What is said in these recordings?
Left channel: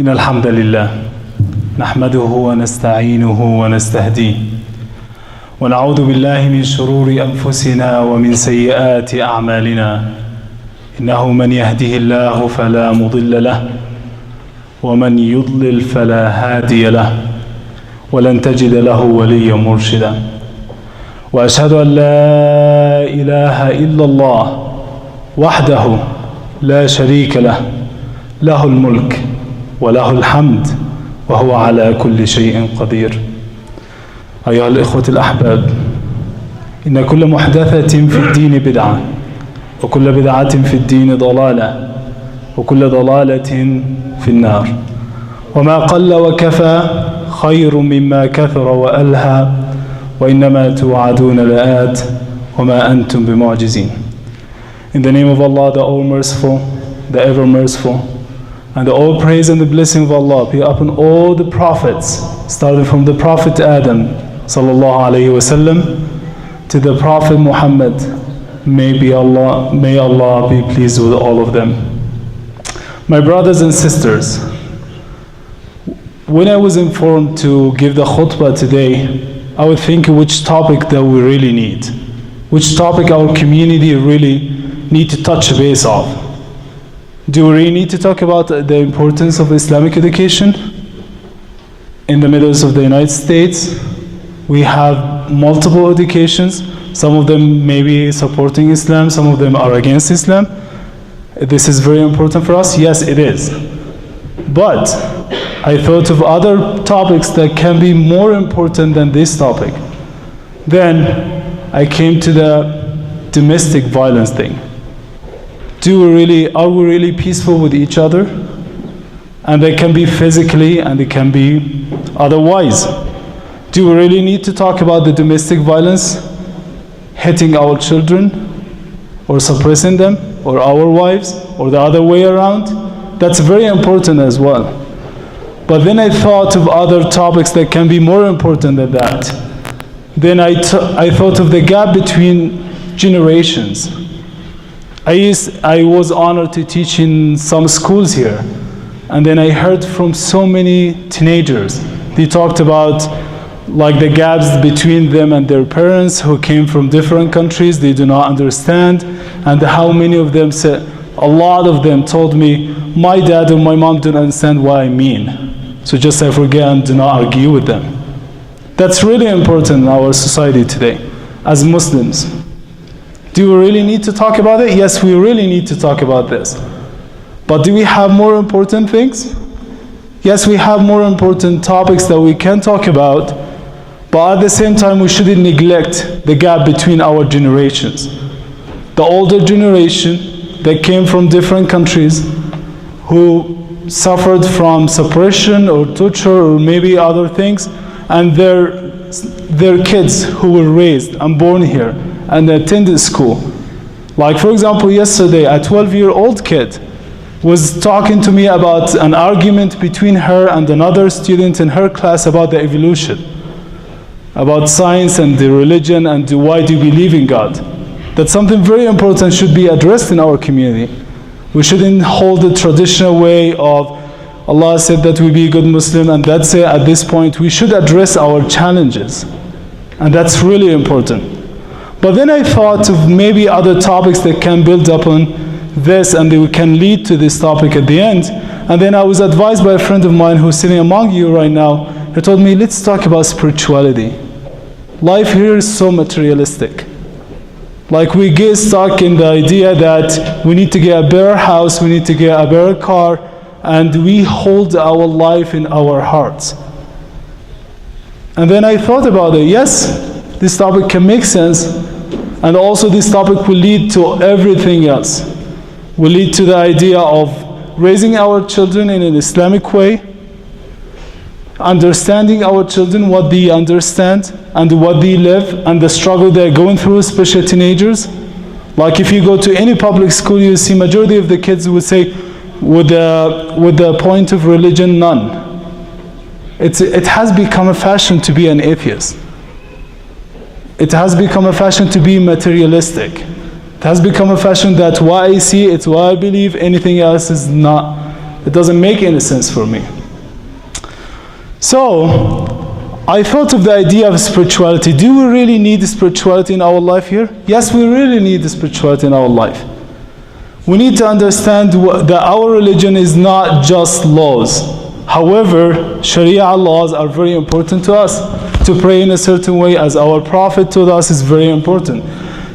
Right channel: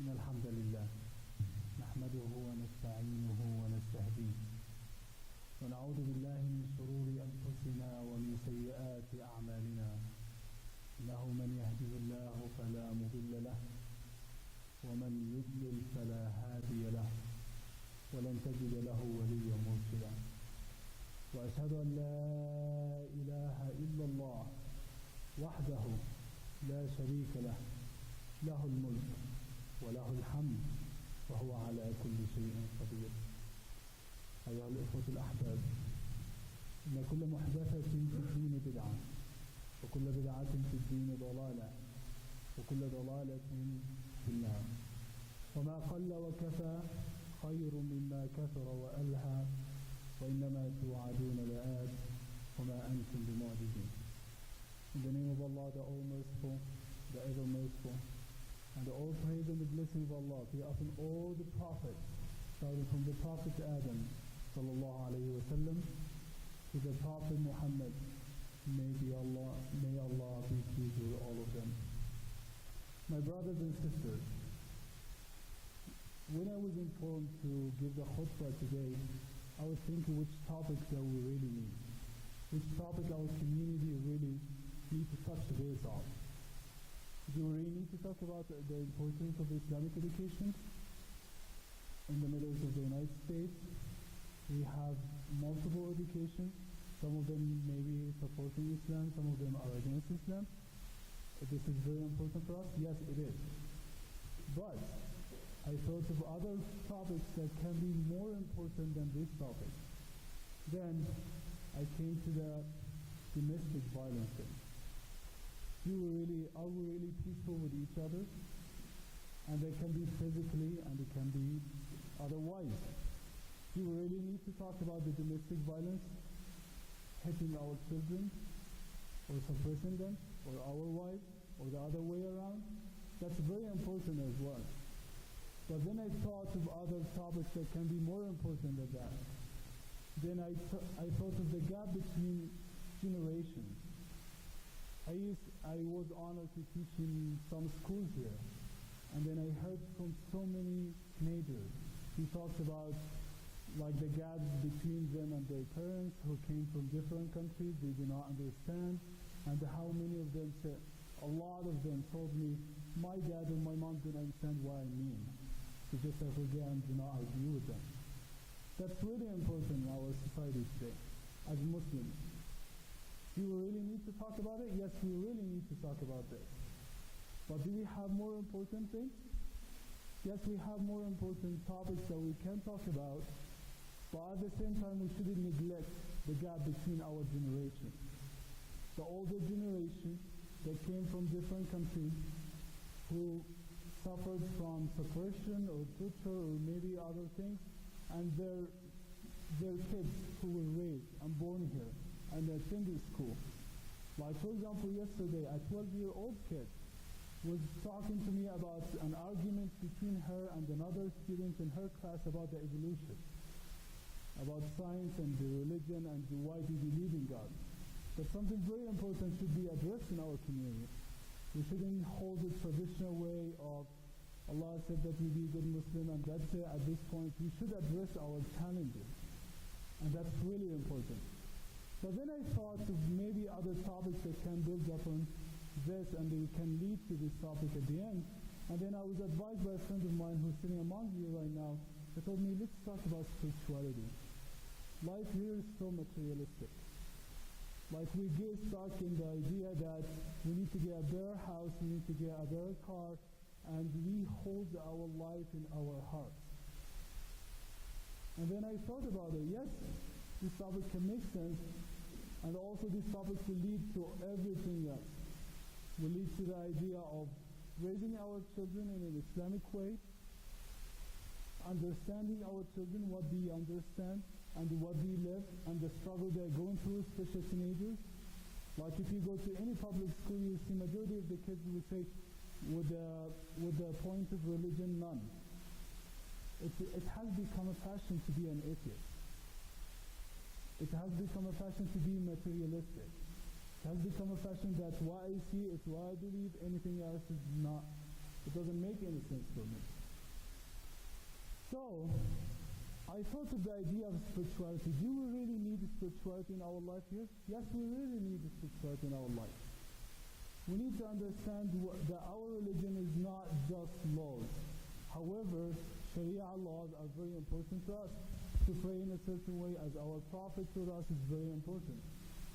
إن الحمد لله نحمده ونستعينه ونستهديه ونعوذ بالله من شرور أنفسنا ومن سيئات أعمالنا إنه من يهده الله فلا مضل له ومن يضلل فلا هادي له ولن تجد له وليا مرشدا وأشهد أن لا إله إلا الله وحده لا شريك له له الملك وله الحمد وهو على كل شيء قدير. أيها الإخوة الأحباب، إن كل محدثة في الدين بدعة وكل بدعة في الدين ضلالة وكل ضلالة في النار وما قل وكفى خير مما كثر وألهى وإنما توعدون لآت وما أنتم بمعجزين. In the name of Allah, the All-Merciful, the Ever-Merciful, and the all praise and the blessing of Allah be upon all the prophets, starting from the Prophet Adam sallallahu alaihi wasallam to the Prophet Muhammad. May Allah be pleased with all of them. My brothers and sisters, when I was informed to give the khutbah today, I would think which topic that we really need, which topic our community really need to touch base of. Do we really need to talk about the importance of Islamic education? In the Middle East of the United States, we have multiple educations. Some of them may be supporting Islam, some of them are against Islam. This is very important for us. Yes, it is. But I thought of other topics that can be more important than this topic. Then I came to the domestic violence thing. Are we really peaceful with each other? And they can be physically and they can be otherwise. Do we really need to talk about the domestic violence hitting our children or suppressing them, or our wives, or the other way around? That's very important as well. But then I thought of other topics that can be more important than that. Then I thought of the gap between generations. I was honored to teach in some schools here, and then I heard from so many teenagers. They talked about like the gaps between them and their parents who came from different countries, they do not understand, and how many of them said, a lot of them told me, my dad and my mom don't understand what I mean. So just I forget and do not argue with them. That's really important in our society today, as Muslims. Do we really need to talk about it? Yes, we really need to talk about this. But do we have more important things? Yes, we have more important topics that we can talk about, but at the same time we shouldn't neglect the gap between our generations. The older generation that came from different countries who suffered from suppression or torture or maybe other things, and their kids who were raised and born here and attended school. Like for example, yesterday a 12-year-old kid was talking to me about an argument between her and another student in her class about the evolution, about science and the religion and why do you believe in God. That's something very important should be addressed in our community. We shouldn't hold the traditional way of Allah said that we be a good Muslim and that's it at this point. We should address our challenges, and that's really important. But then I thought of maybe other topics that can build upon this and they can lead to this topic at the end. And then I was advised by a friend of mine who's sitting among you right now. He told me, let's talk about spirituality. Life here is so materialistic. Like we get stuck in the idea that we need to get a better house, we need to get a better car, and we hold our life in our hearts. And then I thought about it. Yes, this topic can make sense, and also this topic will lead to everything else. Will lead to the idea of raising our children in an Islamic way, understanding our children, what they understand and what they live and the struggle they're going through, especially teenagers. Like if you go to any public school, you see majority of the kids would say, with the point of religion, none. It has become a fashion to be an atheist. It has become a fashion to be materialistic. It has become a fashion that what I see, it's what I believe, anything else is not It doesn't make any sense for me. So I thought of the idea of spirituality. Do we really need spirituality in our life here? Yes, we really need spirituality in our life. We need to understand that our religion is not just laws. However, Sharia laws are very important to us. To pray in a certain way, as our Prophet told us, is very important.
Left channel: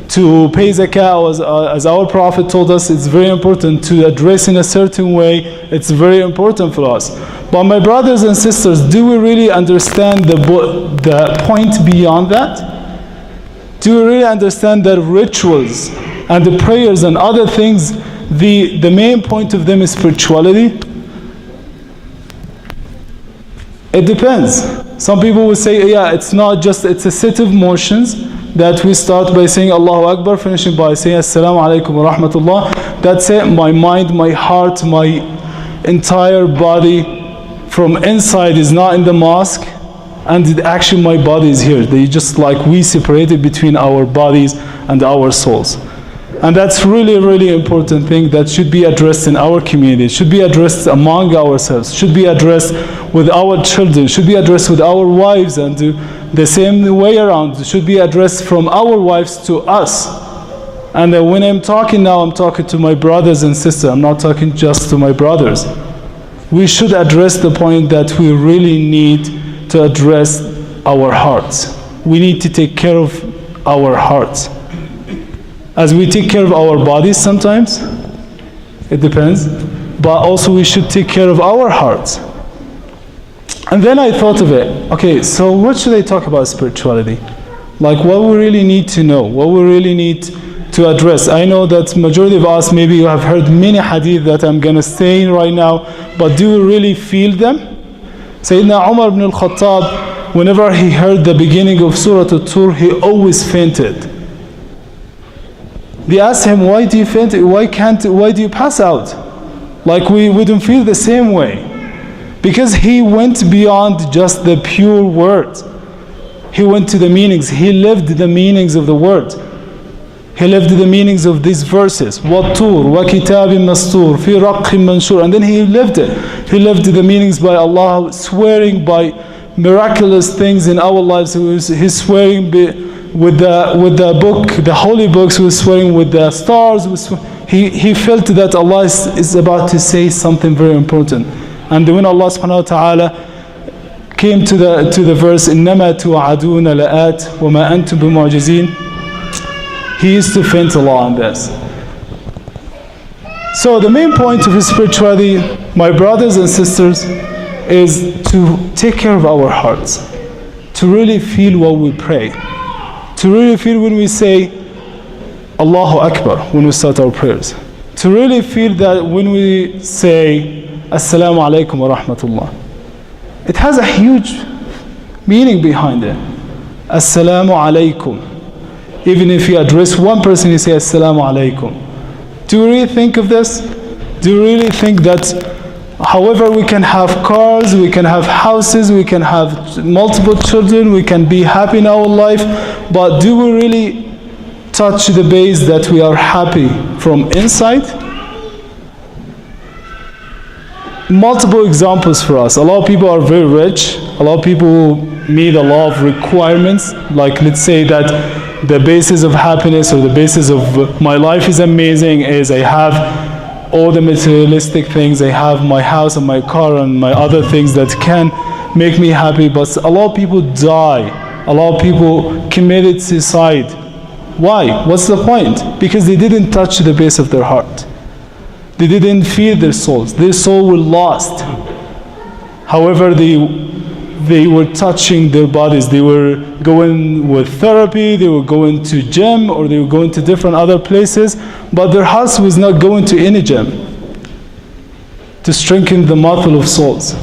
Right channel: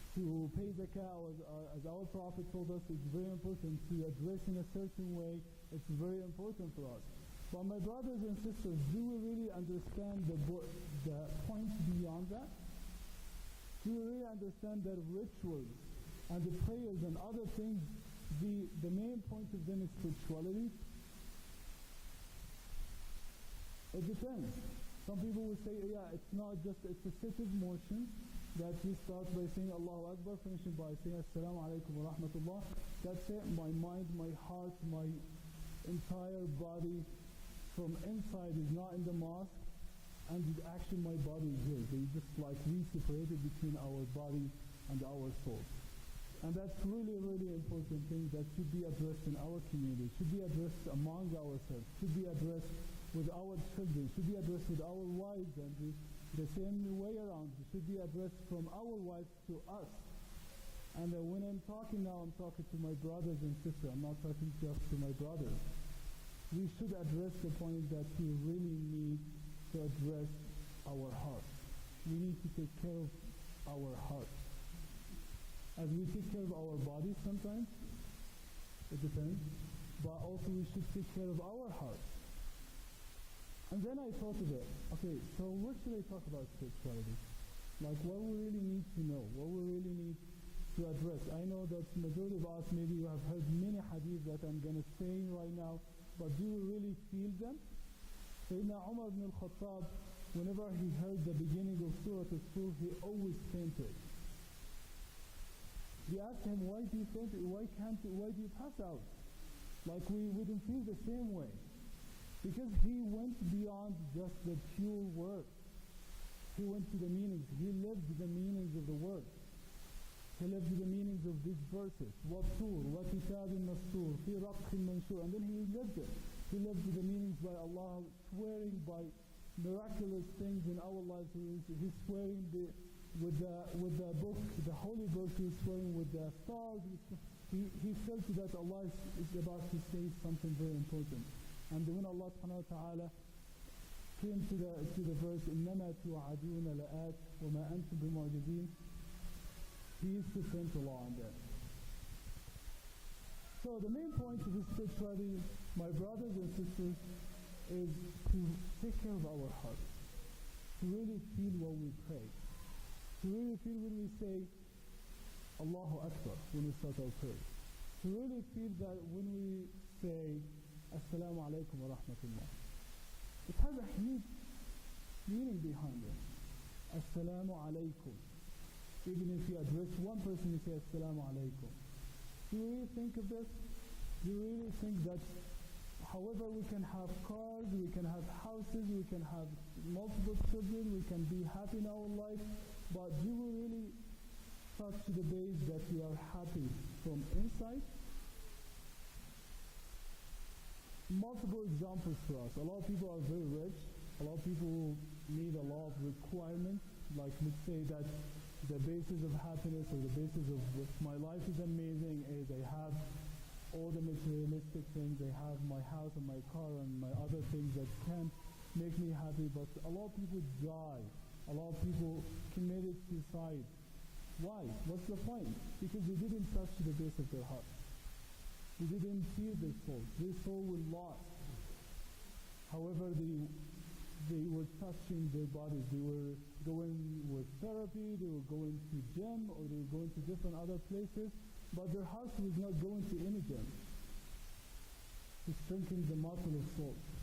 To pay zakah, as our Prophet told us, it's very important. To address in a certain way, it's very important for us. But my brothers and sisters, do we really understand the point beyond that? Do we really understand that rituals and the prayers and other things, the main point of them is spirituality? It depends. Some people will say, yeah, it's not just, it's a set of motions that we start by saying Allahu Akbar, finishing by saying Assalamu alaikum wa rahmatullah. That's it. My mind, my heart, my entire body from inside is not in the mosque, and actually my body is here. They just like we separated between our bodies and our souls. And that's really, really important thing that should be addressed in our community, should be addressed among ourselves, should be addressed with our children, should be addressed with our wives, and the same way around, should be addressed from our wives to us. And when I'm talking now, I'm talking to my brothers and sisters, I'm not talking just to my brothers. We should address the point that we really need to address our hearts. We need to take care of our hearts. As we take care of our bodies sometimes, it depends, but also we should take care of our hearts. And then I thought of it, okay, so what should I talk about spirituality? Like what we really need to know, what we really need to address. I know that majority of us, maybe you have heard many hadith that I'm going to say right now, but do we really feel them? Sayyidina Umar ibn al-Khattab, whenever he heard the beginning of Surah At-Tur, he always fainted. They asked him, why do you faint? Why do you pass out? Like we wouldn't feel the same way. Because he went beyond just the pure words. He went to the meanings. He lived the meanings of the word. He lived the meanings of these verses. وَالطُّورِ وَكِتَابٍ مَسْطُورٍ فِي رَقٍّ مَنْشُورٍ. And then he lived it. He lived the meanings by Allah, swearing by miraculous things in our lives. He's swearing with the book, the holy books, he was swearing with the stars. He felt that Allah is about to say something very important. And when Allah subhanahu wa ta'ala came to the verse, إِنَّمَا تُوعَدُونَ لَآتٍ وَمَا أَنْتُمْ بِمُعْجِزِينَ, he used to faint a lot on this. So the main point of spirituality, my brothers and sisters, is to take care of our hearts, to really feel what we pray, to really feel when we say Allahu Akbar, when we start our prayers, to really feel that when we say Assalamu alaikum wa rahmatullah, it has a huge meaning behind it. Assalamu alaikum. Even if you address one person, you say Assalamu alaikum. Do you really think of this? Do you really think that however we can have cars, we can have houses, we can have multiple children, we can be happy in our life, but do we really touch the base that we are happy from inside? Multiple examples for us. A lot of people are very rich. A lot of people meet a lot of requirements. Like let's say that the basis of happiness or the basis of my life is amazing is I have all the materialistic things. I have my house and my car and my other things that can make me happy. But a lot of people die. A lot of people committed suicide. Why? What's the point? Because they didn't touch the base of their heart. They didn't feed their souls. Their soul was lost. However, they were touching their bodies. They were going with therapy, they were going to gym, or they were going to different other places, but their hearts was not going to any gym to strengthen the muscle of souls.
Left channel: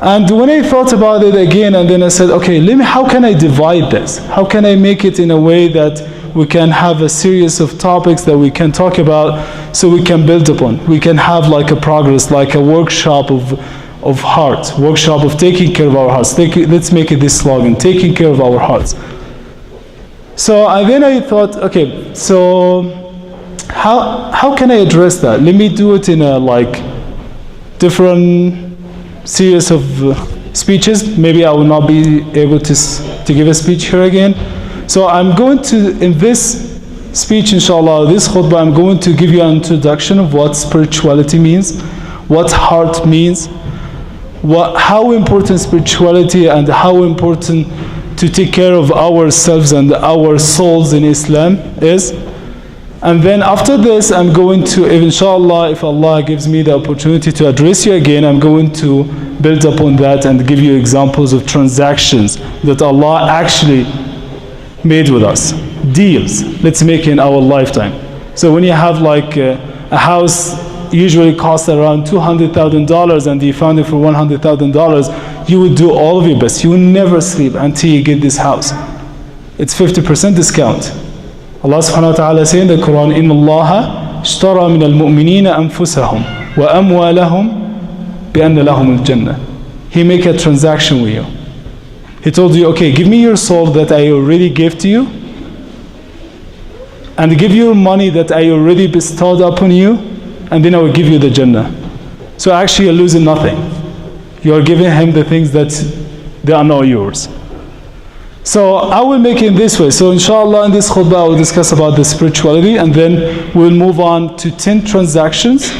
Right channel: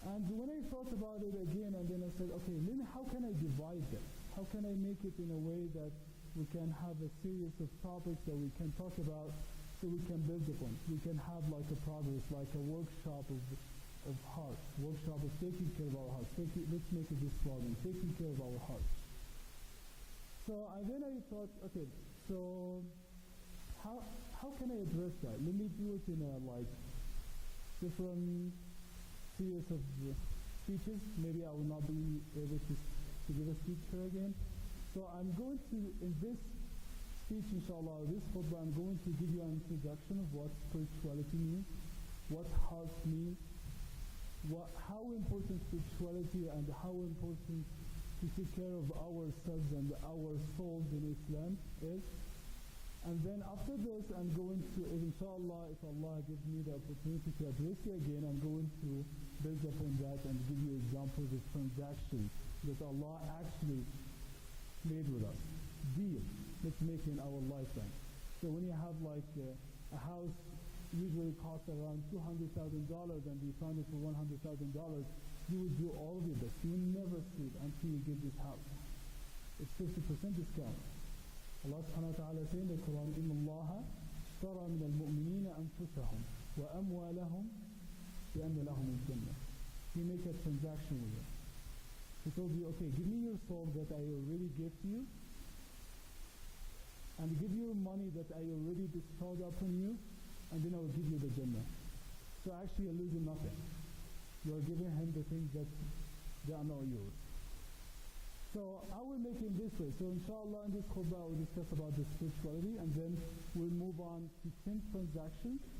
And when I thought about it again, and then I said, okay, how can I divide this? How can I make it in a way that we can have a series of topics that we can talk about so we can build upon? We can have like a progress, like a workshop of heart, workshop of taking care of our hearts. Let's make it this slogan, taking care of our hearts. So then I thought, okay, so how can I address that? Let me do it in a different series of speeches. Maybe I will not be able to give a speech here again. So I'm going to, in this speech, inshallah, this khutbah, I'm going to give you an introduction of what spirituality means, what heart means, how important spirituality and how important to take care of ourselves and our souls in Islam is. And then after this, I'm going to, inshallah, if Allah gives me the opportunity to address you again, I'm going to build upon that and give you examples of transactions that Allah actually made with us. Deals, let's make in our lifetime. So when you have a house usually costs around $200,000 and you found it for $100,000, you would do all of your best. You will never sleep until you get this house. It's 50% discount. Allah subhanahu wa ta'ala says in the Quran, إِنَّ اللَّهَ اشْتَرَى مِنَ الْمُؤْمِنِينَ أَنفُسَهُمْ وَأَمْوَالَهُمْ بِأَنَّ لَهُمُ الْجَنَّةِ. He make a transaction with you. He told you, okay, give me your soul that I already gave to you, and give you money that I already bestowed upon you, and then I will give you the Jannah. So actually you're losing nothing. You are giving him the things that they are not yours. So I will make it in this way. So inshallah in this khutbah I will discuss about the spirituality, and then we'll move on to 10 transactions.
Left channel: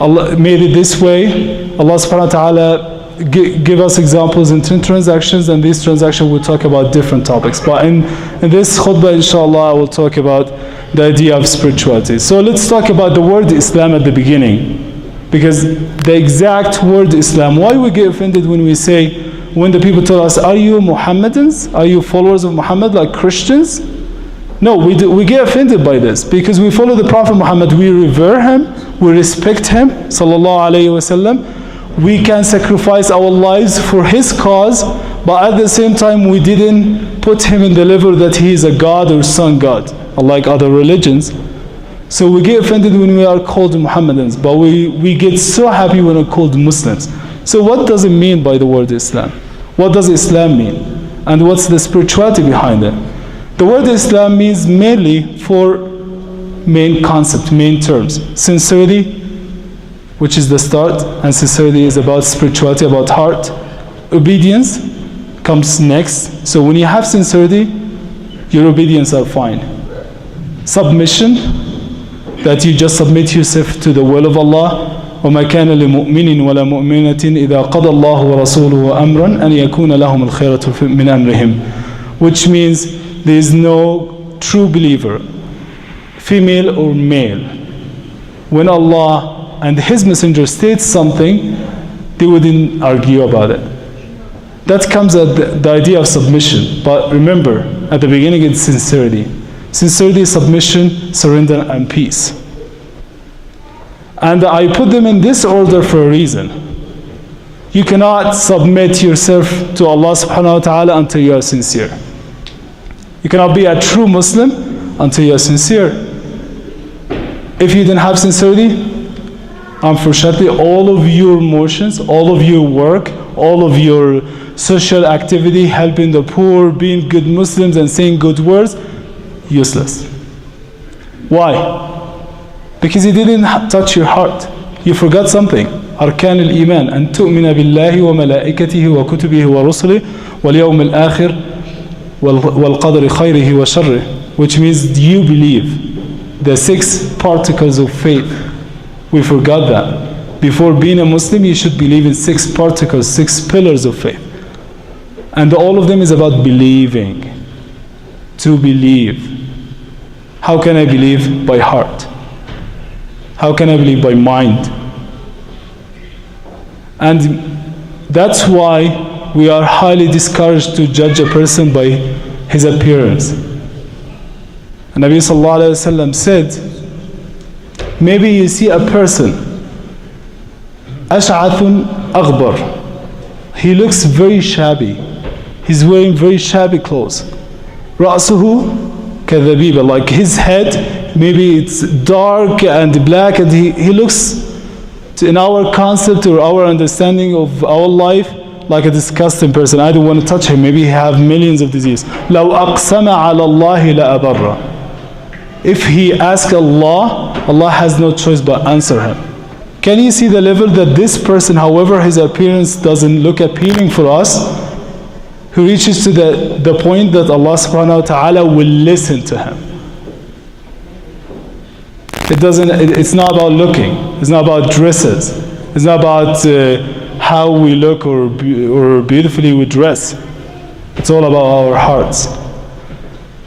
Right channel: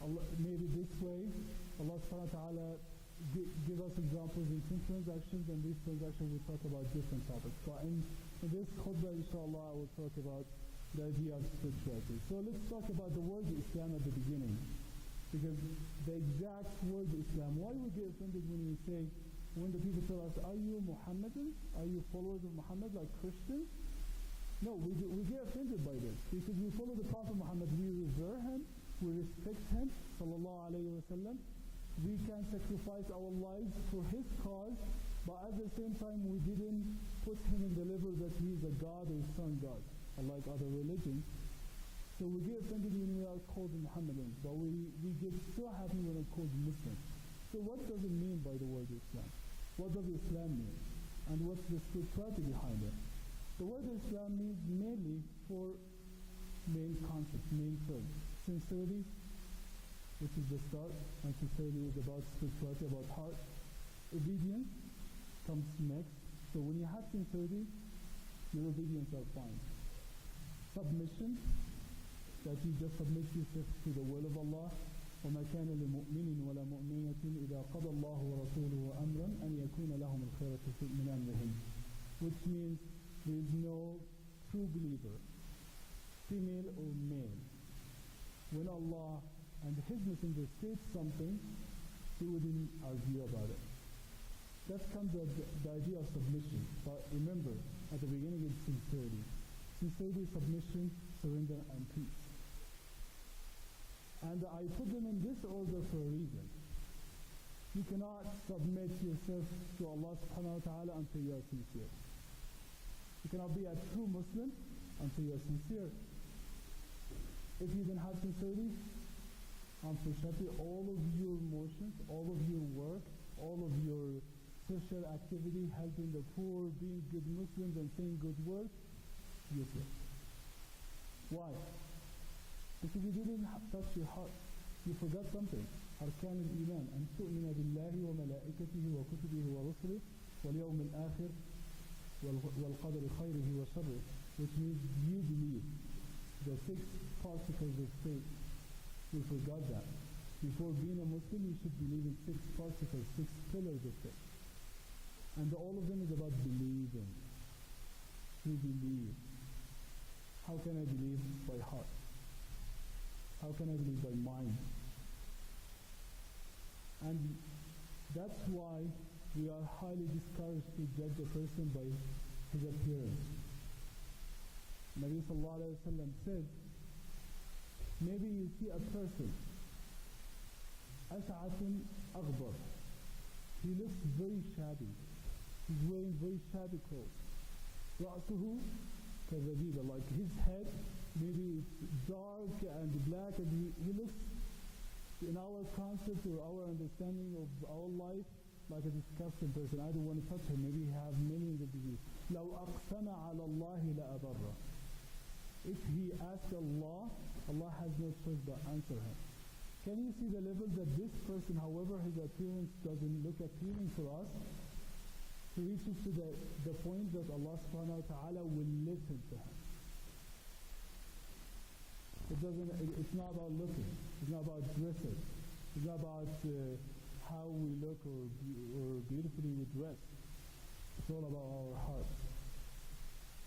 Allah made it this way. Allah subhanahu wa ta'ala give us examples in 10 transactions, and these transactions will talk about different topics. But in this khutbah inshallah I will talk about the idea of spirituality. So let's talk about the word Islam at the beginning, because the exact word Islam, why we get offended when we say, when the people tell us, are you Muhammadans? Are you followers of Muhammad like Christians? No, we get offended by this because we follow the Prophet Muhammad. We revere him, we respect him, sallallahu alayhi wasallam. We can sacrifice our lives for his cause, but at the same time we didn't put him in the level that he is a God or son God, unlike other religions. So we get offended when we are called Muhammadans, but we get so happy when we're called Muslims. So what does it mean by the word Islam? What does Islam mean? And what's the spirituality behind it? The word Islam means mainly 4 main concepts, main terms. Sincerity, which is the start, and sincerity is about spirituality, about heart. Obedience comes next. So when you have sincerity, your obedience are fine. Submission, that you just submit yourself to the will of Allah. وَمَا كَانَ لِمُؤْمِنٍ وَلَا مُؤْمِنَةٍ إِذَا قَضَى اللَّهُ وَرَسُولُهُ أَمْرًا أَنْ يَكُونَ لَهُمُ الْخِيَرَةُ مِنْ أَمْرِهِمْ. Which means there is no true believer, female or male. When Allah and His Messenger states something, they wouldn't argue about it. That comes at the idea of submission. But remember, at the beginning it's sincerity. Sincerity, submission, surrender, and peace. And I put them in this order for a reason. You cannot submit yourself to Allah subhanahu wa ta'ala until you are sincere. You cannot be a true Muslim until you are sincere. If you didn't have sincerity, unfortunately, all of your emotions, all of your work, all of your social activity, helping the poor, being good Muslims and saying good words, useless. Why? Because it didn't touch your heart. You forgot something. أركان الإيمان أن تؤمن بالله وملائكته وكتبه ورسله واليوم الآخر والقدر خيره وشره, which means you believe the 6 particles of faith. We forgot that. Before being a Muslim, you should believe in 6 particles, 6 pillars of faith. And all of them is about believing. To believe. How can I believe? By heart. How can I believe? By mind. And that's why we are highly discouraged to judge a person by his appearance. And Nabi sallallahu alayhi wa sallam said, maybe you see a person, ash'athun aghbar. He looks very shabby. He's wearing very shabby clothes. Ra'suhu kadhabiba, like his head, maybe it's dark and black, and he looks, in our concept or our understanding of our life, like a disgusting person. I don't want to touch him. Maybe he have millions of diseases. لَوْ أَقْسَمَ عَلَى اللَّهِ لَأَبَرَّ. If he asks Allah, Allah has no choice but answer him. Can you see the level that this person, however his appearance doesn't look appealing for us, who reaches to the point that Allah subhanahu wa ta'ala will listen to him. It's not about looking, it's not about dresses, it's not about how we look or beautifully we dress. It's all about our hearts.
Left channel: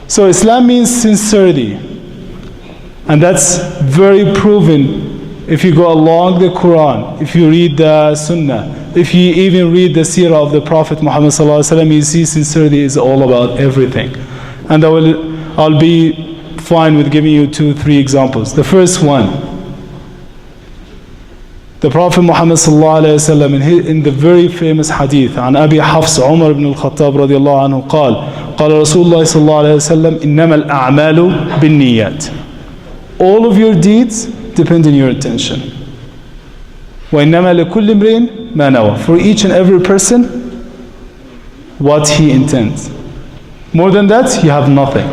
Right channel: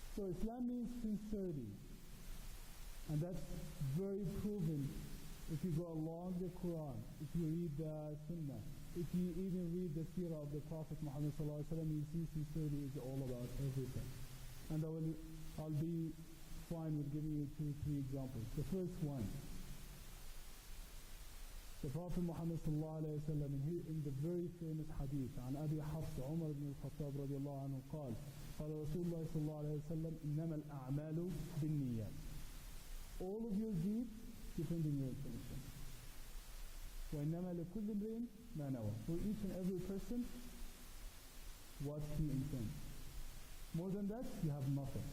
So Islam means sincerity, and that's very proven if you go along the Quran, if you read the Sunnah, if you even read the seerah of the Prophet Muhammad sallallahu alaihi wasallam, you see sincerity is all about everything. And I'll be fine with giving you 2-3 examples. The first one, the Prophet Muhammad sallallahu alaihi wasallam in the very famous hadith عن أبي حفص عمر بن الخطاب رضي الله عنه قال رسول الله صلى الله عليه وسلم إنما الأعمال بالنيات. All of your deeds depend on your intention. وإنما لكل امرئ ما نوى. For each and every person, what he intends. More than that, you have nothing.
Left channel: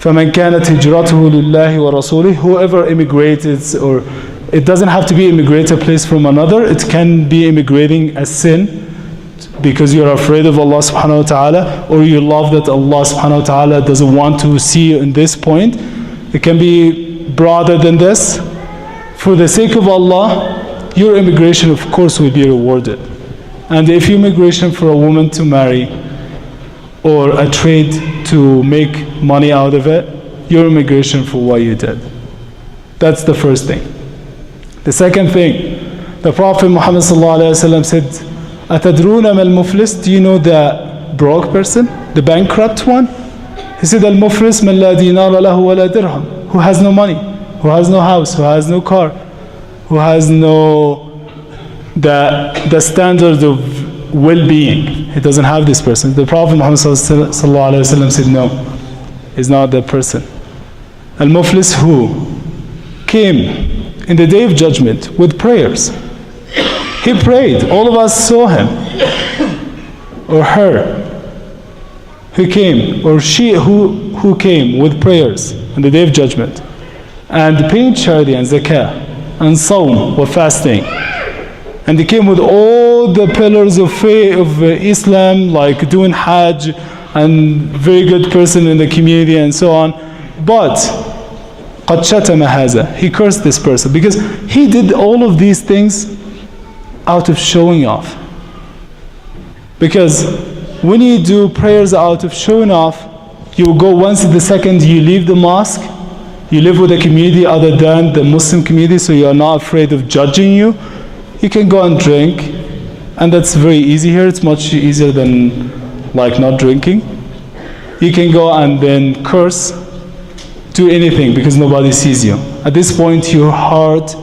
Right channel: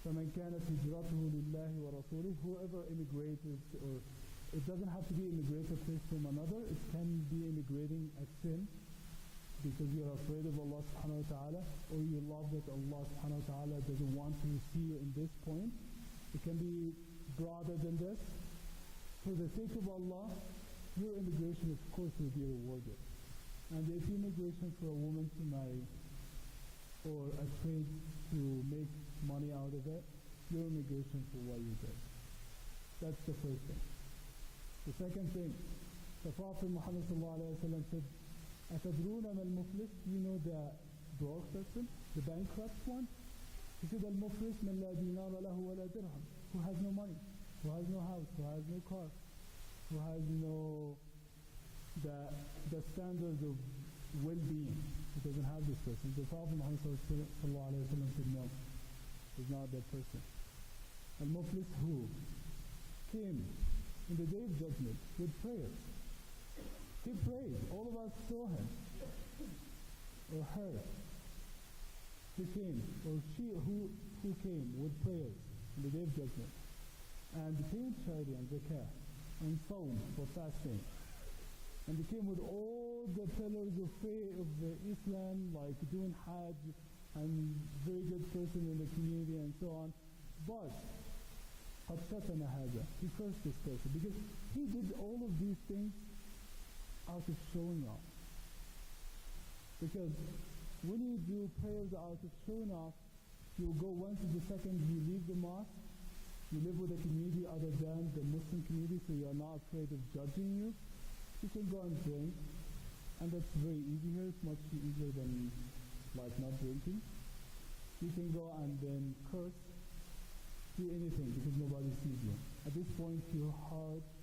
فمن كانت هجرته لله ورسوله. Whoever immigrated, or it doesn't have to be immigrate a place from another, it can be immigrating a sin because you're afraid of Allah subhanahu wa ta'ala, or you love that Allah subhanahu wa ta'ala doesn't want to see you in this point. It can be broader than this. For the sake of Allah, your immigration of course will be rewarded. And if your immigration for a woman to marry or a trade to make money out of it, your immigration for what you did. That's the first thing. The second thing, the Prophet Muhammad sallallahu alaihi wasallam said, "Atadruna mal muflis?" Do you know the broke person, the bankrupt one? He said, "Al-muflis man la dinara lahu wa la dirham." Who has no money, who has no house, who has no car, who has no the standard of well-being. He doesn't have this person. The Prophet Muhammad sallallahu alaihi wasallam said, "No, he's not that person." Al-muflis who came in the day of judgment with prayers. He prayed. All of us saw him or her who came, or she who came with prayers on the day of judgment and paying charity and zakah and sawm or fasting, and they came with all the pillars of faith of Islam, like doing hajj and very good person in the community and so on, but قد شتم هذا, he cursed this person because he did all of these things out of showing off. Because when you do prayers out of showing off, you go once the second you leave the mosque, you live with a community other than the Muslim community, so you are not afraid of judging you. You can go and drink, and that's very easy here. It's much easier than like not drinking. You can go and then curse, do anything because nobody sees you. At this point, your heart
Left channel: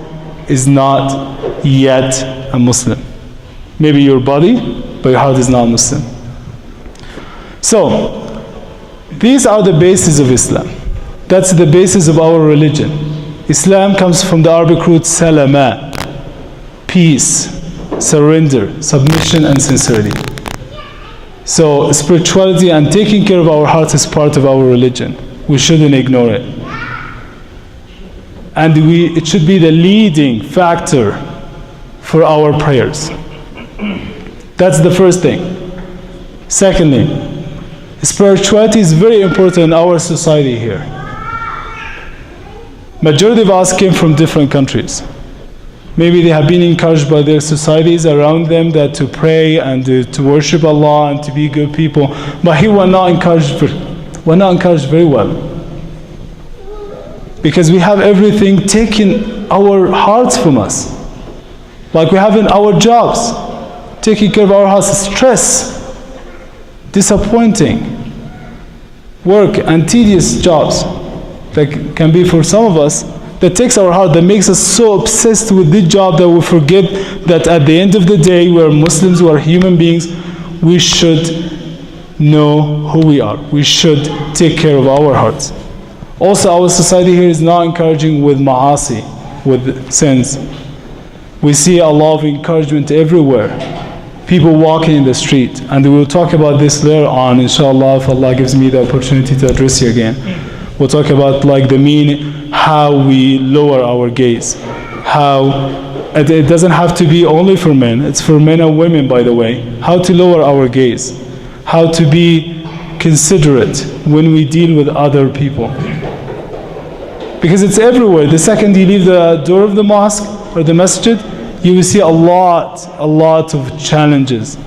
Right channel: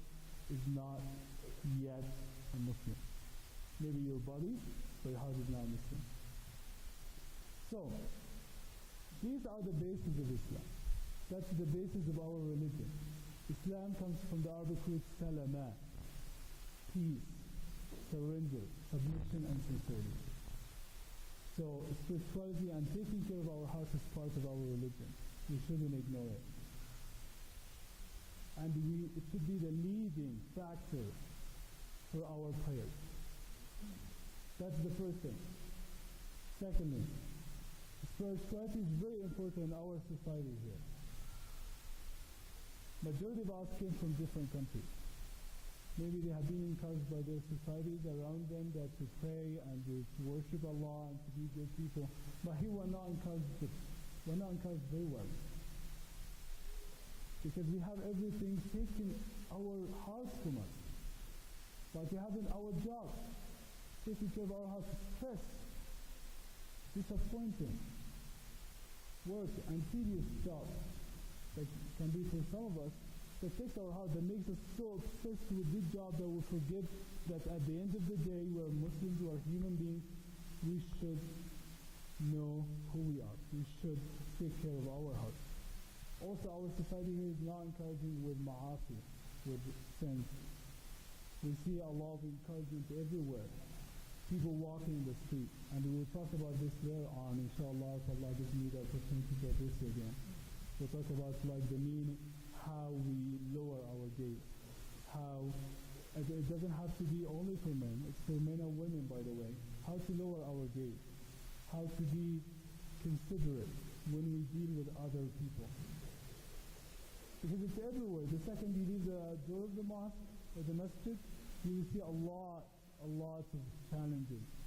is not yet a Muslim. Maybe your body, but your heart is not Muslim. So, these are the bases of Islam. That's the basis of our religion. Islam comes from the Arabic root salama, peace, surrender, submission, and sincerity. So, spirituality and taking care of our hearts is part of our religion. We shouldn't ignore it. And it should be the leading factor for our prayers. That's the first thing. Secondly, spirituality is very important in our society here. Majority of us came from different countries. Maybe they have been encouraged by their societies around them that to pray and to worship Allah and to be good people. But here we're not encouraged very well. Because we have everything taking our hearts from us. Like we have in our jobs, taking care of our hearts, stress, disappointing work and tedious jobs that can be for some of us, that takes our heart, that makes us so obsessed with the job that we forget that at the end of the day we are Muslims, we are human beings. We should know who we are. We should take care of our hearts. Also, our society here is not encouraging with ma'asi, with sins. We see a lot of encouragement everywhere people walking in the street. And we'll talk about this later on, inshallah, if Allah gives me the opportunity to address you again. We'll talk about like the meaning, how we lower our gaze. How it doesn't have to be only for men, it's for men and women, by the way. How to lower our gaze. How to be considerate when we deal with other people. Because it's everywhere. The second you leave the door of the mosque or the masjid, you will see a lot of challenges.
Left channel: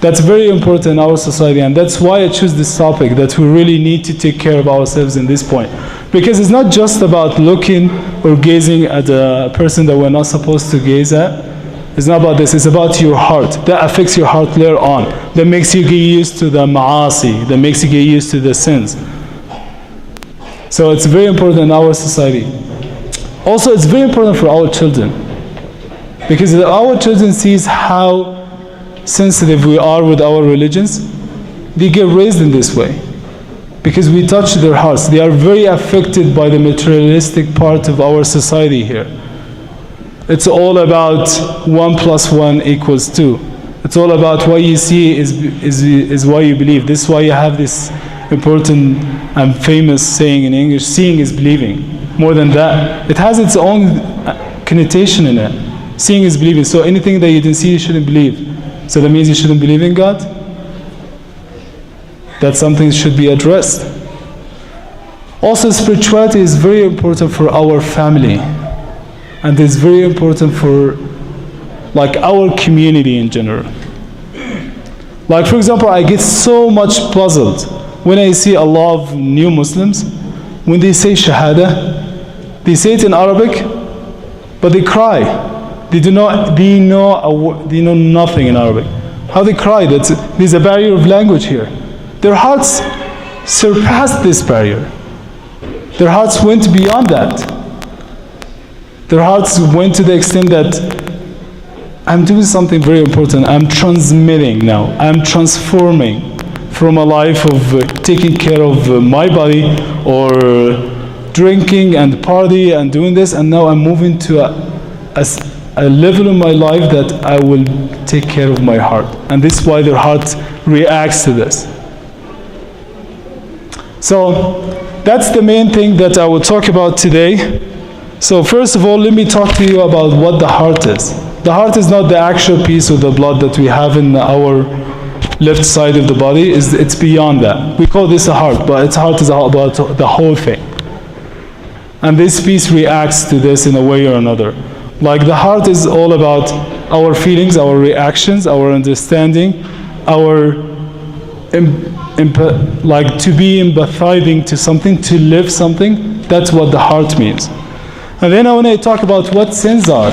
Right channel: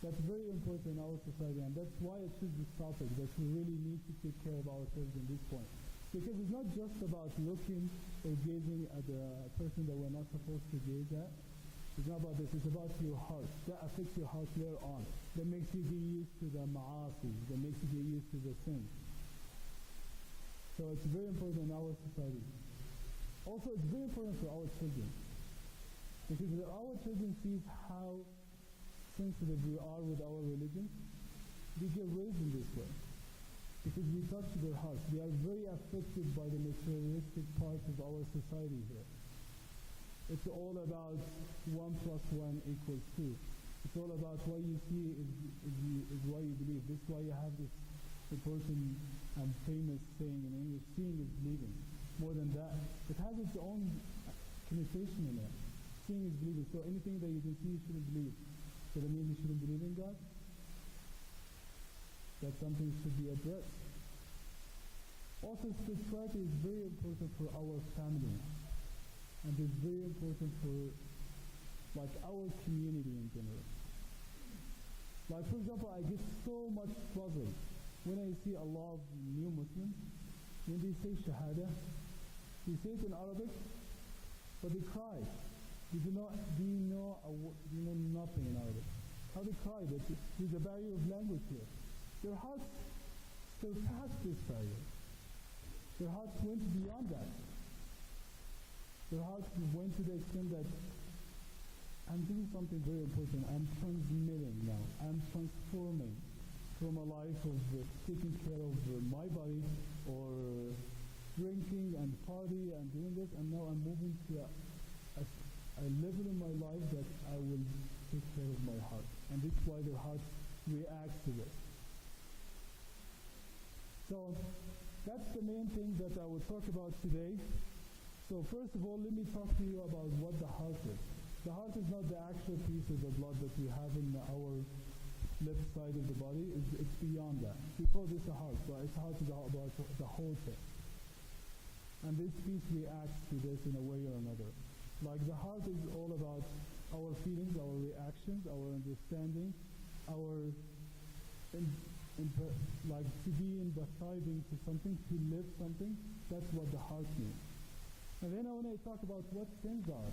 That's very important in our society, and that's why I choose this topic, that we really need to take care of ourselves in this point. Because it's not just about looking or gazing at a person that we're not supposed to gaze at. It's not about this, it's about your heart. That affects your heart later on. That makes you get used to the ma'asi, that makes you get used to the sins. So it's very important in our society. Also, it's very important for our children. Because if our children sees how sensitive we are with our religions, they get raised in this way. Because we touch their hearts. They are very affected by the materialistic part of our society here. It's all about 1 + 1 = 2. It's all about what you see is what you believe. This is why you have this important and famous saying in English, seeing is believing. More than that, it has its own connotation in it. Seeing is believing. So anything that you didn't see, you shouldn't believe. So that means you shouldn't believe in God? That's something that should be addressed. Also, spirituality is very important for our family. And it's very important for like our community in general. Like for example, I get so much puzzled when I see a lot of new Muslims, when they say Shahada, they say it in Arabic, but they cry. They know nothing in Arabic. How they cry? There's a barrier of language here. Their hearts surpassed this barrier. Their hearts went beyond that. Their hearts went to the extent that I'm doing something very important. I'm transmitting now. I'm transforming from a life of taking care of my body or drinking and party and doing this, and now I'm moving to a level in my life that I will take care of my heart. And this is why their heart reacts to this. So that's the main thing that I will talk about today. So first of all, let me talk to you about what the heart is. The heart is not the actual piece of the blood that we have in our left side of the body. It's beyond that. We call this a heart, but its heart is about the whole thing. And this piece reacts to this in a way or another. Like the heart is all about our feelings, our reactions, our understanding, our like to be empathizing to something, to live something. That's what the heart means. And then when I talk about what sins are,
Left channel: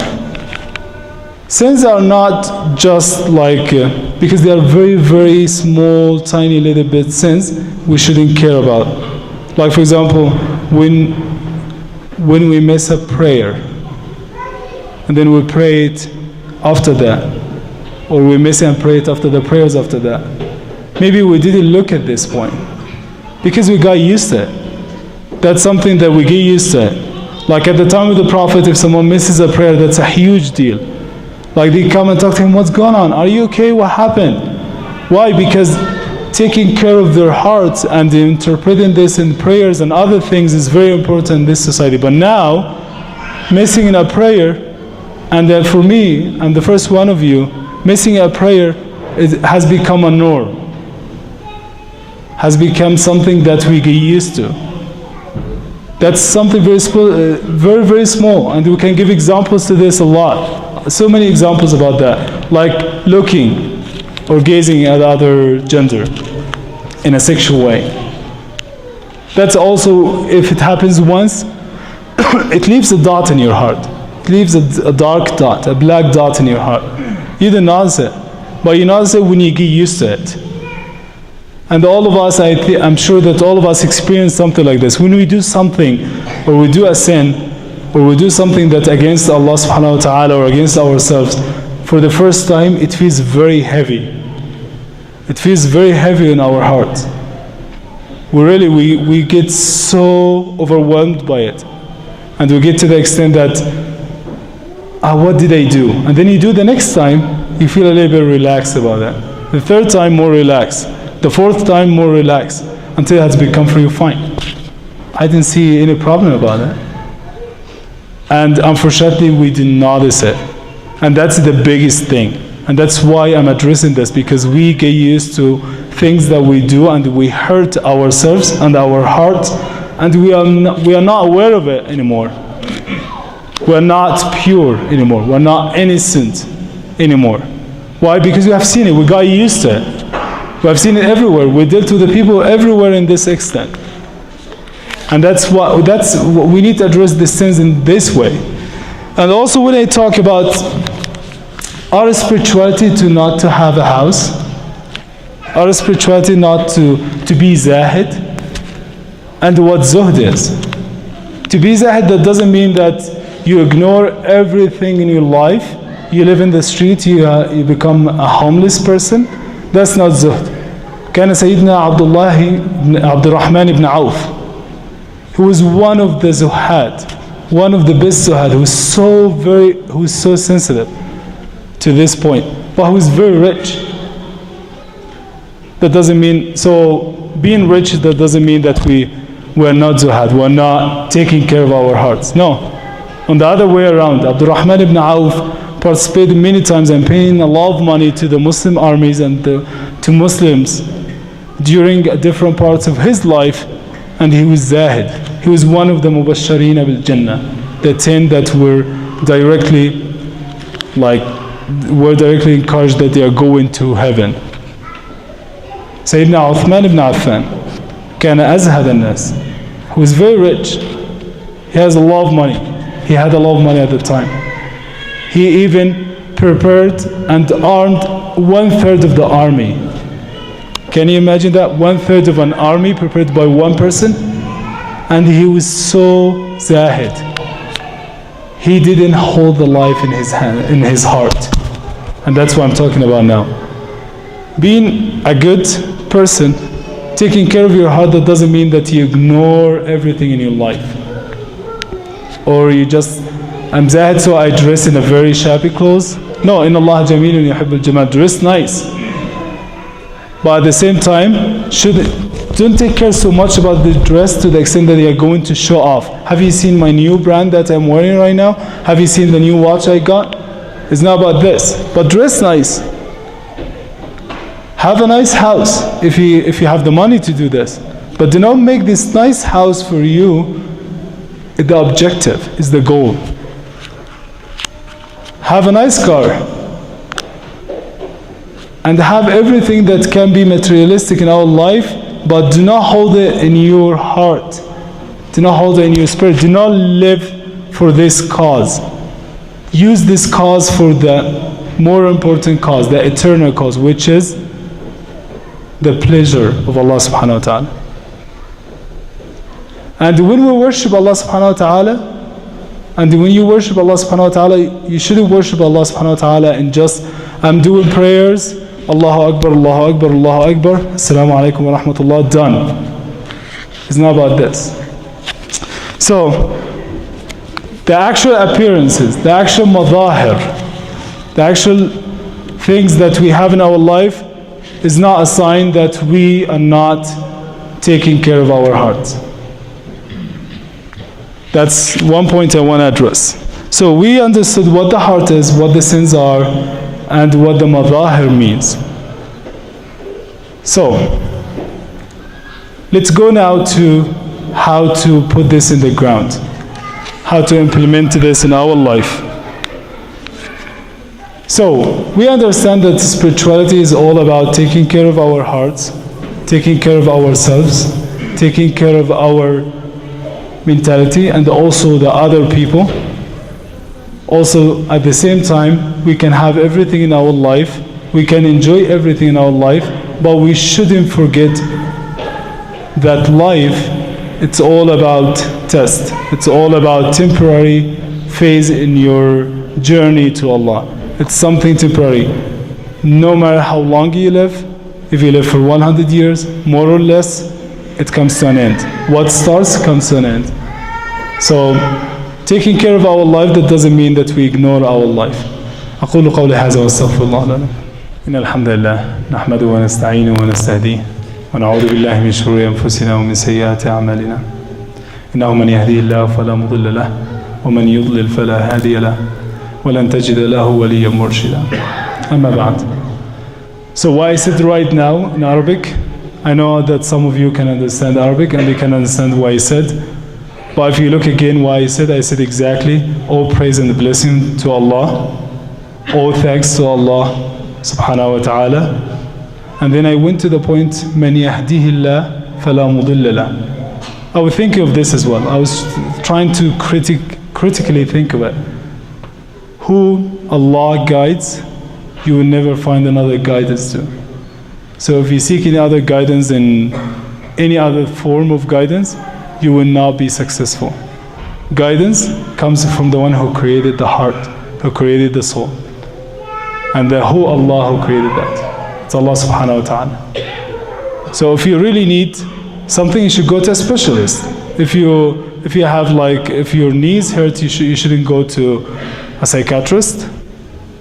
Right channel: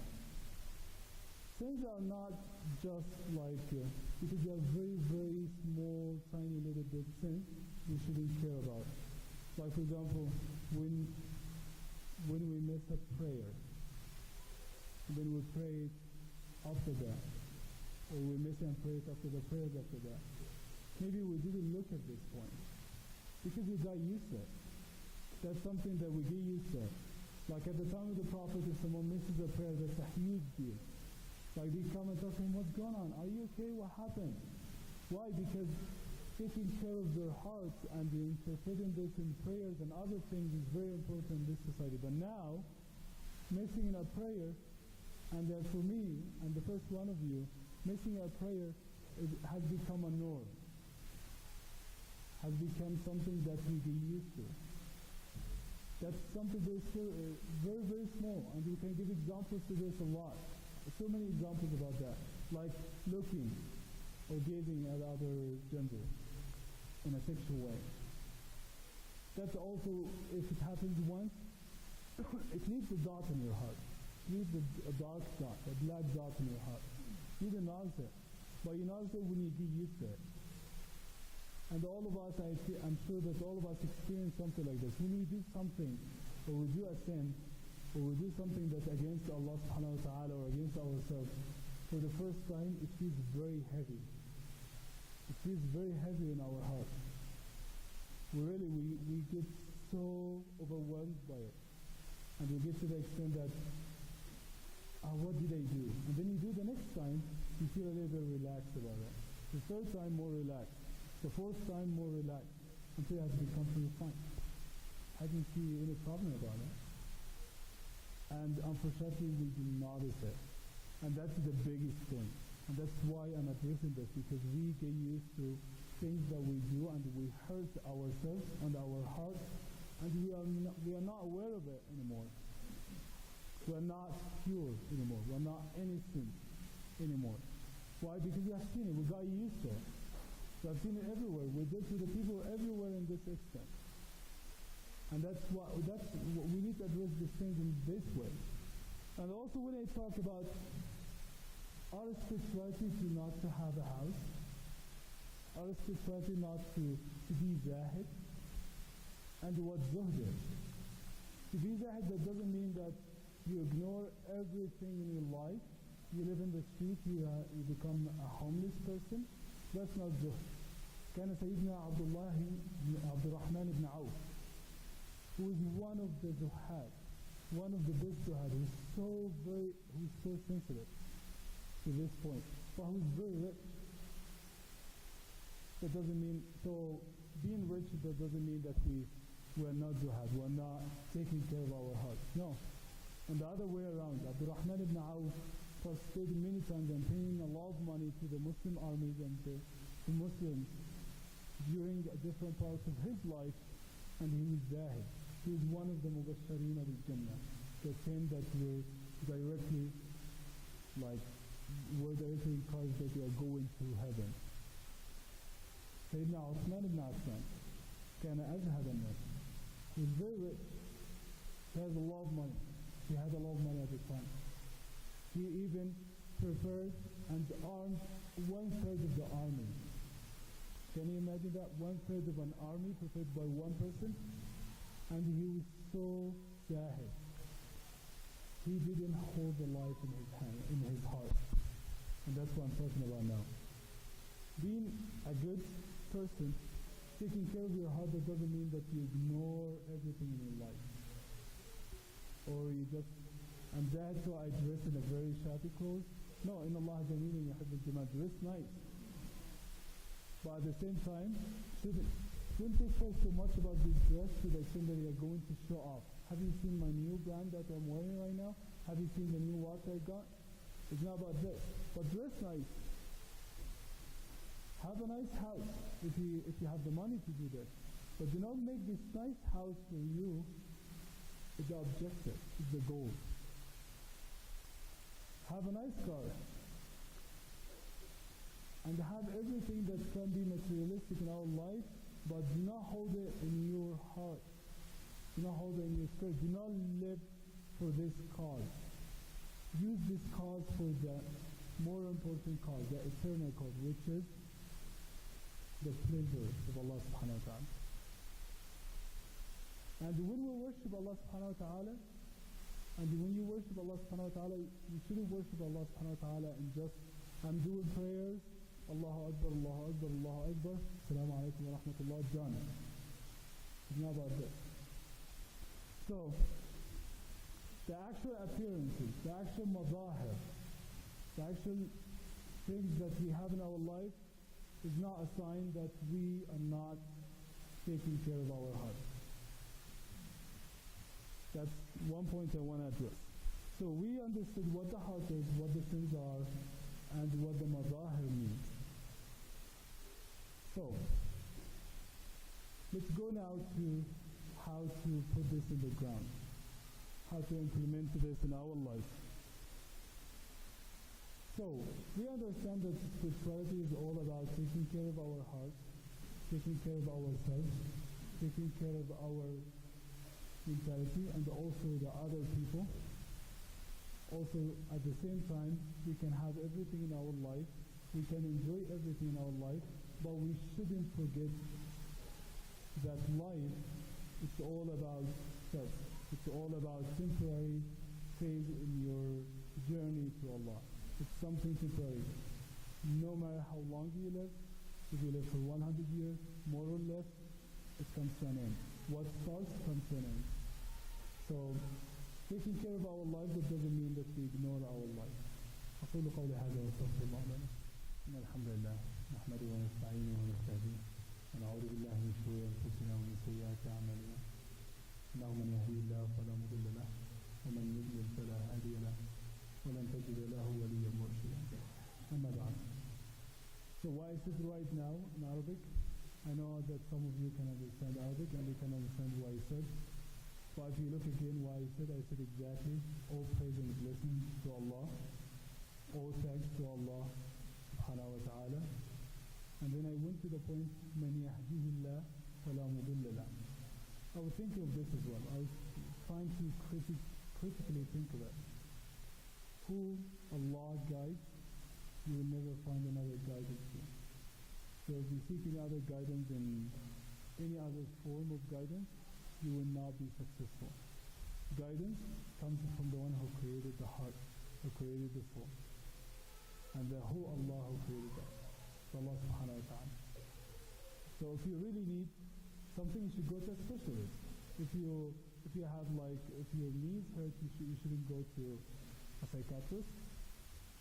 sins are not just like, because they are very, very small, tiny little bit sins we shouldn't care about. Like for example, when we miss a prayer, and then we pray it after that, or we miss it and pray it after the prayers after that. Maybe we didn't look at this point, because we got used to it. That's something that we get used to it. Like at the time of the Prophet, if someone misses a prayer, that's a huge deal. Like they come and talk to him, what's going on? Are you okay? What happened? Why? Because taking care of their hearts and interpreting this in prayers and other things is very important in this society. But now, missing in a prayer, and then for me, I'm the first one of you, missing a prayer has become a norm. Has become something that we get used to. That's something very, very small, and we can give examples to this a lot. So many examples about that, like looking or gazing at other gender in a sexual way. That's also, if it happens once, it leaves a dot in your heart. It leaves a dark dot, a black dot in your heart. You don't notice it, but you notice it when you get used to it. And all of us, I'm sure that all of us experience something like this. When we do something, or we do a sin, or we do something that's against Allah subhanahu wa ta'ala or against ourselves, for the first time, it feels very heavy. It feels very heavy in our heart. We get so overwhelmed by it. And we get to the extent that, what did I do? And then you do the next time, you feel a little bit relaxed about that. The third time, more relaxed. The fourth time, more relaxed, until it has become for you fine. I didn't see any problem about that. And unfortunately, we didn't notice it. And that's the biggest thing. And that's why I'm addressing this, because we get used to things that we do and we hurt ourselves and our heart, and we are not aware of it anymore. We're not pure anymore. We're not innocent anymore. Why? Because we have seen it. We got used to it. We have seen it everywhere. We dealt with the people everywhere in this extent. And that's what we need to address these things in this way. And also when I talk about our spirituality to not to have a house, our spirituality not to be zahid, and what zuhd is. To be zahid, that doesn't mean that you ignore everything in your life. You live in the street, you become a homeless person. That's not zuhd. كان سيدنا عبد الرحمن ibn Auf, who was one of the zuhad, one of the best zuhad, who was so sensitive to this point, but who was very rich. That doesn't mean, so being rich, that doesn't mean that we're not zuhad, we're not taking care of our hearts. No. On the other way around, Abdul Rahman ibn Auf participated many times and paying a lot of money to the Muslim armies and to Muslims during different parts of his life, and he was zahid. He was one of the mubashareen bil Jannah, the 10 that were directly encouraged that they are going to heaven. Sayyidina Uthman ibn Affan, كان أزهد الناس, who was very rich. He has a lot of money. He had a lot of money at the time. He even prepared and armed 1/3 of the army. Can you imagine that? 1/3 of an army prepared by one person? And he was so zahid. He didn't hold the life in his hand, in his heart. And that's what I'm talking about now. Being a good person, taking care of your heart, that doesn't mean that you ignore everything in your life. Or you just, I'm zahid, so I dress in a very shabby clothes. No, in Allah jamilun yuhibbul jamal, dress nice. But at the same time, don't take care so much about the dress to the extent that you're going to show off. Have you seen my new brand that I'm wearing right now? Have you seen the new watch I got? It's not about this, but dress nice. Have a nice house if you have the money to do this. But do not make this nice house for you the objective, is the goal. Have a nice car. And have everything that can be materialistic in our life, but do not hold it in your heart. Do not hold it in your spirit. Do not live for this cause. Use this cause for the more important cause, the eternal cause, which is the pleasure of Allah subhanahu wa ta'ala. And when we worship Allah subhanahu wa ta'ala, and when you worship Allah subhanahu wa ta'ala, you shouldn't worship Allah subhanahu wa ta'ala and just, I'm doing prayers, Allahu Akbar, Allahu Akbar, Allahu Akbar, Assalamu alaikum wa rahmatullah, done. It's not about this. So, the actual appearances, the actual madahir, the actual things that we have in our life is not a sign that we are not taking care of our hearts. That's one point I want to address. So we understood what the heart is, what the sins are, and what the madahir means. So, let's go now to how to put this in the ground, how to implement this in our life. So, we understand that spirituality is all about taking care of our hearts, taking care of ourselves, taking care of our mentality, and also the other people. Also, at the same time, we can have everything in our life, we can enjoy everything in our life, but we shouldn't forget that life, it's all about test. It's all about temporary phase in your journey to Allah. It's something temporary. No matter how long you live, if you live for 100 years, more or less, it comes to an end. What starts comes to an end. So, taking care of our life, that doesn't mean that we ignore our life. أقول قولي هذا واستغفر الله لنا. إن الحمد لله نحمده ونستعينه ونستهديه ونعوذ بالله من شرور أنفسنا ومن سيئات أعمالنا. إنه من يهديه الله فلا مضل له ومن يضلل فلا هادي له ولن تجد له وليا مرشدا. أما بعد. So why I said right now in Arabic, I know that some of you can understand Arabic and they can understand what I said. But if you look again why I said exactly, all praise and blessing to Allah, all thanks to Allah subhanahu wa ta'ala. And then I went to the point, مَنْ يَهْدِهِ اللَّهِ فَلَا مُضِلَّ لَهُ. I was thinking of this as well. I was trying to critically think of it. Who Allah guides, you will never find another guidance to. So if you seek any other guidance in any other form of guidance, you will not be successful. Guidance comes from the one who created the heart, who created the soul. And who Allah who created that. It's Allah subhanahu wa ta'ala. So if you really need something, you should go to a specialist. If your knees hurt, you shouldn't go to a psychiatrist.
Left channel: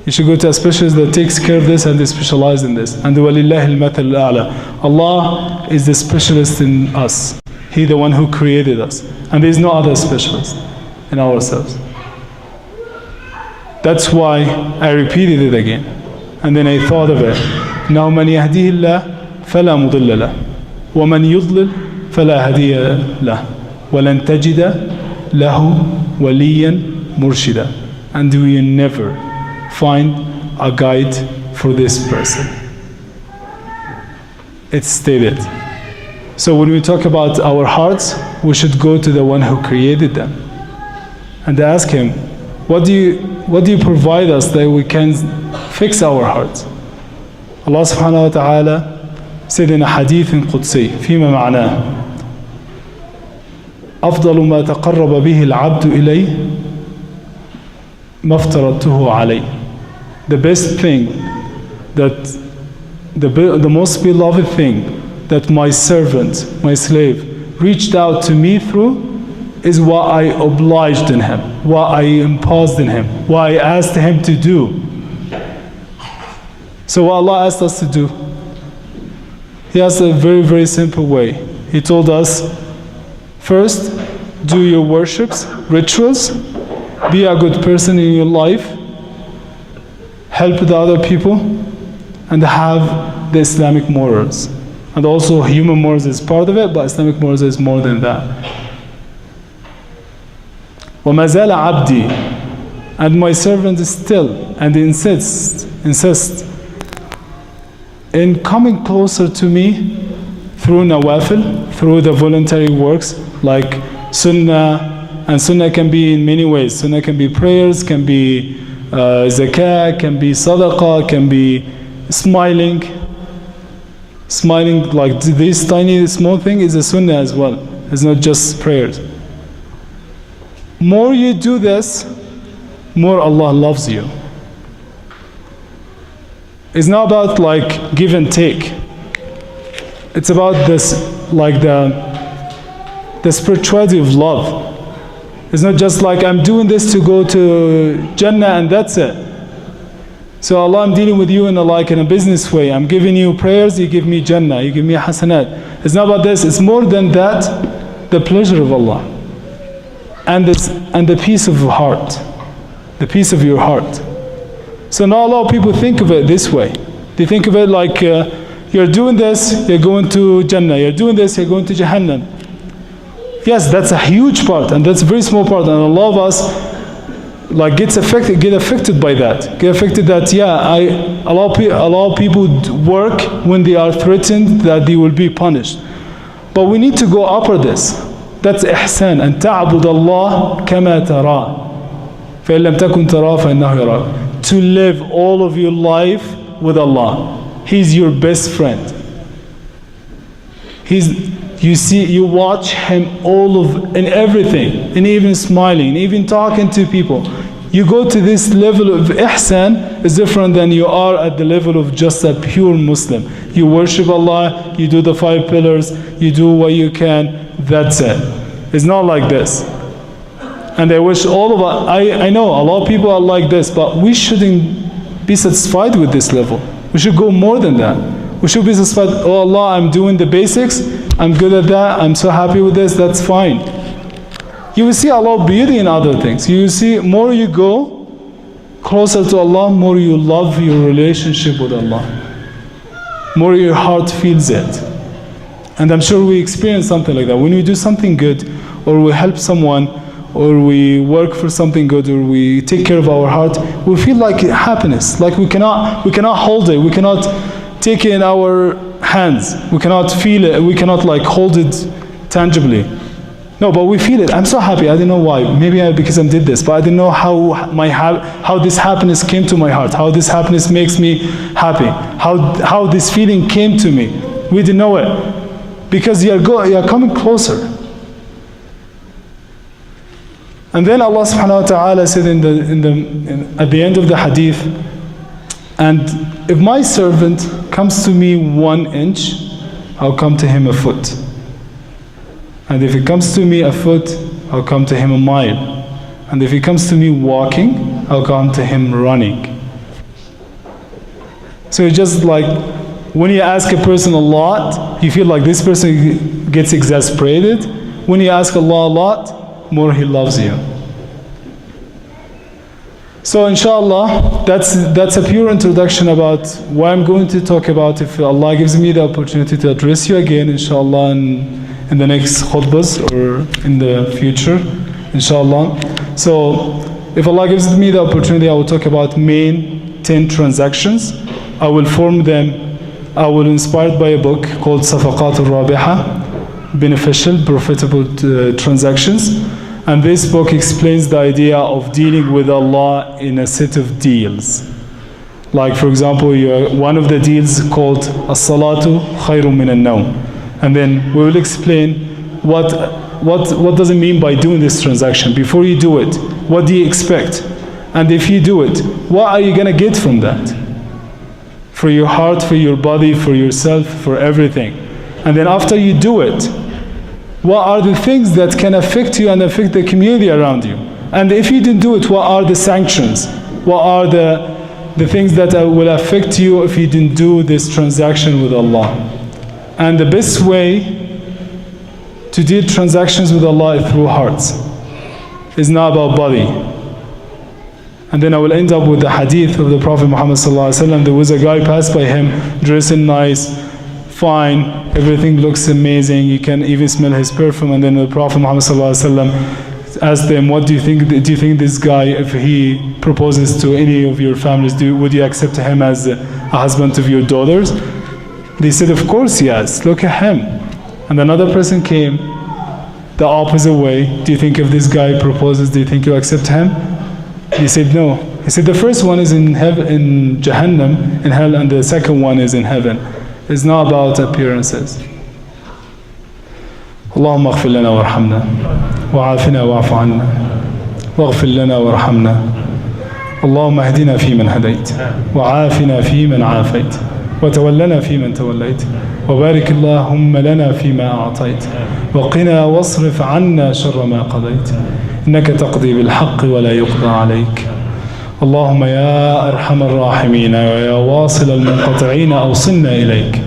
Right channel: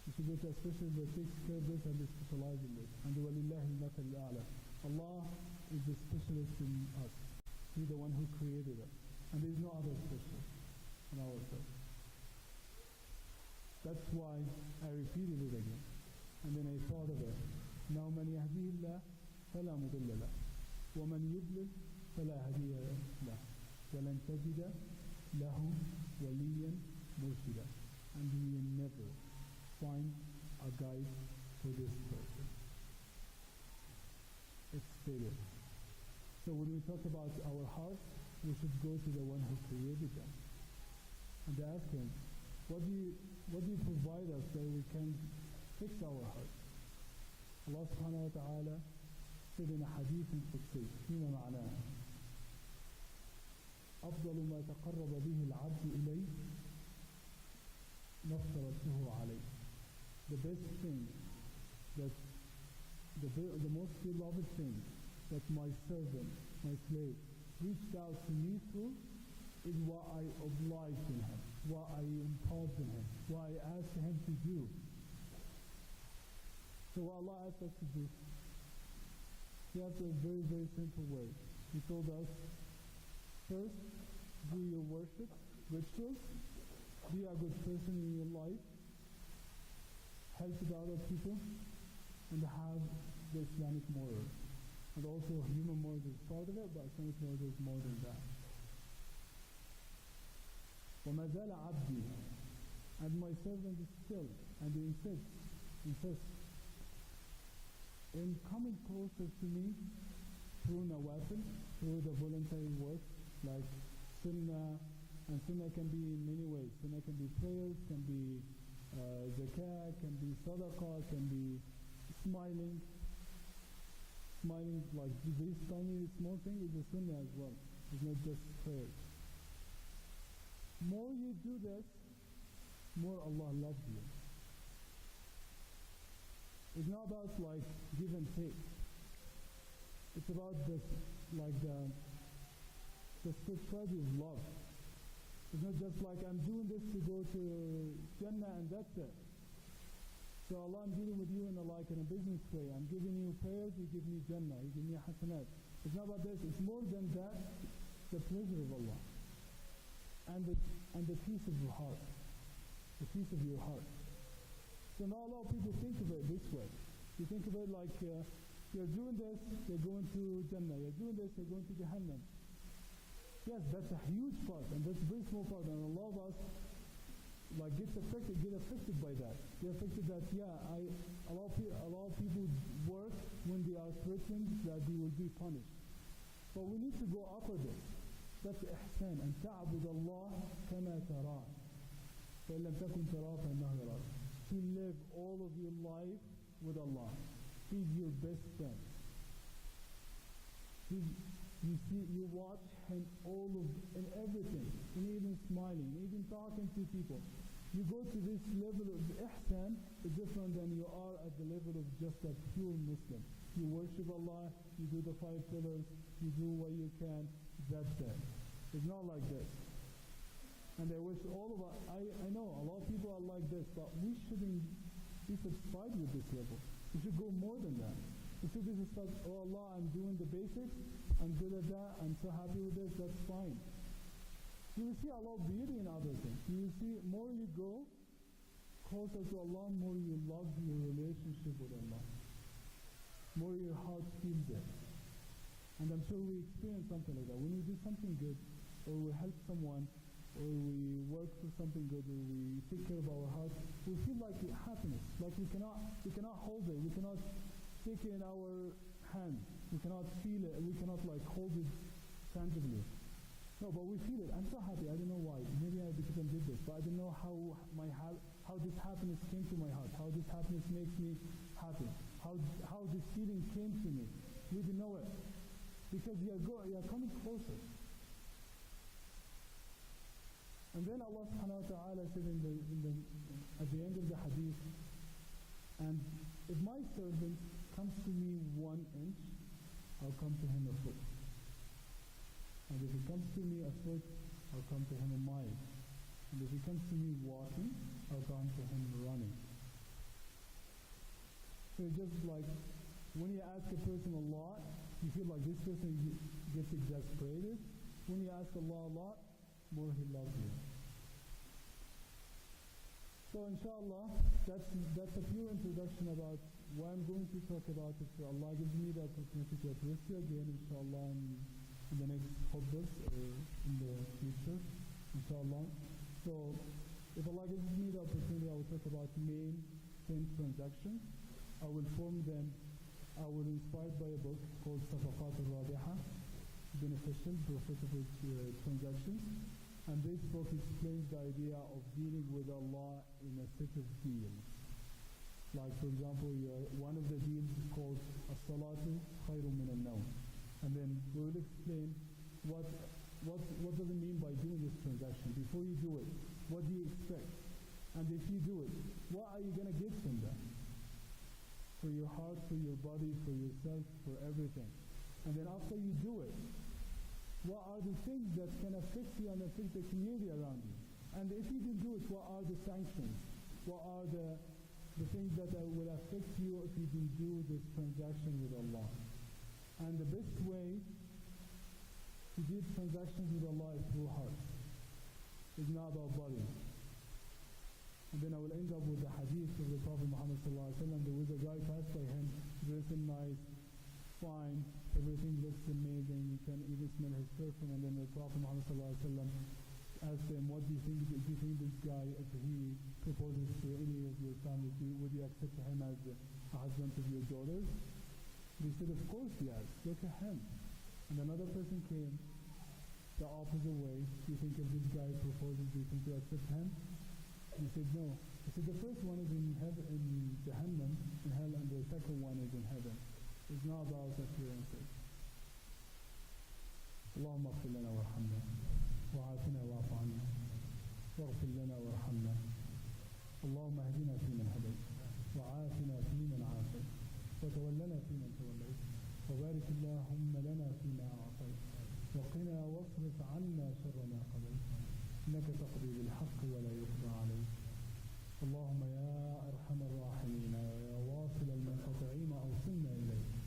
You should go to a specialist that takes care of this and they specialize in this. And وَلِلَّهِ الْمَثَلُ الْأَعْلَى. Allah is the specialist in us. He the one who created us. And there is no other specialist in ourselves. That's why I repeated it again. And then I thought of it. Now مَنْ يَهْدِهِ اللَّهِ فَلَا مُضِلَّ لَهُ وَمَنْ يُضْلِلْ فَلَا هَادِيَ لَهُ وَلَنْ تَجِدَ لَهُ وَلِيًّا مُرْشِدًا. And we will never find a guide for this person. It's stated. So when we talk about our hearts, we should go to the one who created them and ask him, what do you provide us that we can fix our hearts? Allah subhanahu wa ta'ala said in a hadith قدسي فيما معناه أفضل ما تقرب به العبد إليه ما افترضته عليه. The best thing, that the most beloved thing that my servant, my slave, reached out to me through is what I obliged in him, what I imposed in him, what I asked him to do. So what Allah asked us to do, He has a very, very simple way. He told us, first, do your worships, rituals, be a good person in your life, help the other people, and have the Islamic morals. And also human morals is part of it, but Islamic morals is more than that. وَمَا زَالَ عَبْدِي. And my servant is still, and insists in coming closer to me through nawafil, through the voluntary works like sunnah. And sunnah can be in many ways. Sunnah can be prayers, can be zakah, can be sadaqah, can be smiling. Smiling, like this tiny small thing, is a sunnah as well. It's not just prayers. More you do this, more Allah loves you. It's not about like give and take. It's about this, like the spirituality of love. It's not just like I'm doing this to go to Jannah and that's it. So Allah, I'm dealing with you in a business way. I'm giving you prayers, you give me Jannah, you give me hasanat. It's not about this. It's more than that. The pleasure of Allah, and the peace of your heart, the peace of your heart. So not a lot of people think of it this way. They think of it like you're doing this, you're going to Jannah. You're doing this, you're going to Jahannam. Yes, that's a huge part, and that's a very small part, and a lot of us like get affected by that. Get affected that a lot of people work when they are threatened that they will be punished. But we need to go upper this. That's ihsan. And ta'bud Allah kama tara. فَإِن لَمْ تَكُنْ تَرَى فَإِنَّهُ يَرَاكَ. To live all of your life with Allah. He's your best friend. You watch him in everything, and even smiling, even talking to people. You go to this level of ihsan is different than you are at the level of just a pure Muslim. You worship Allah, you do the 5 pillars, you do what you can, that's it. It's not like this. And I wish all of us, I know a lot of people are like this, but we shouldn't be satisfied with this level. We should go more than that. We should be satisfied, oh Allah, I'm doing the basics, I'm good at that, I'm so happy with this, that's fine. You will see a lot of beauty in other things. You will see more you go closer to Allah, more you love your relationship with Allah. More your heart feels it. And I'm sure we experience something like that. When we do something good, or we help someone, or we work for something good, or we take care of our heart, we feel like happiness, like we cannot hold it, we cannot take it in our hands, we cannot feel it, we cannot like hold it tangibly. No, but we feel it. I'm so happy. I don't know why. Maybe because I did this, but I didn't know how this happiness came to my heart, how this happiness makes me happy, how this feeling came to me. We didn't know it because you are coming closer. And then Allah subhanahu wa ta'ala said at the end of the hadith, and if my servant comes to me 1 inch, I'll come to him a foot. And if he comes to me a foot, I'll come to him a mile. And if he comes to me walking, I'll come to him running. So it's just like when you ask a person a lot, you feel like this person gets exasperated. When you ask Allah a lot, more He loves you. So inshallah, that's a pure introduction about what I'm going to talk about. If Allah gives me the opportunity to address you again, inshallah, in the next khutbahs or in the future, inshallah. So if Allah gives me the opportunity, I will talk about main 10 transactions. I will form them. I will inspired by a book called Safaqat al-Rabiha, Beneficial, Profitable Transactions. And this book explains the idea of dealing with Allah in a set of deals. Like for example, one of the deals called As-Salatu Khayrun min al-Nawm. And then we will explain what does it mean by doing this transaction. Before you do it, what do you expect? And if you do it, what are you going to get from that? For your heart, for your body, for yourself, for everything. And then after you do it, what are the things that can affect you and affect the community around you? And if you didn't do it, what are the sanctions? What are the things that will affect you if you didn't do this transaction with Allah? And the best way to deal transactions with Allah is through hearts. It's not about body. And then I will end up with the hadith of the Prophet Muhammad ﷺ. There was a guy passed by him, dressing nice, fine, everything looks amazing, you can even smell his perfume. And then the Prophet Muhammad ﷺ asked them, what do you think this guy, if he proposes to any of your families, would you accept him as a husband of your daughters? They said, of course, yes, look at him. And another person came the opposite way. Do you think if this guy proposes, do you think you accept him? He said, no. He said, the first one is in heaven, in Jahannam, in hell, and the second one is in heaven. It's not about appearances. اللهم اغفر لنا وارحمنا وعافنا واعف عنا واغفر لنا وارحمنا اللهم اهدنا فيمن هديت وعافنا فيمن عافيت وتولنا فيمن توليت وبارك اللهم لنا فيما أعطيت وقنا واصرف عنا شر ما قضيت إنك تقضي بالحق ولا يقضى عليك اللهم يا أرحم الراحمين ويا واصل المنقطعين أوصلنا إليك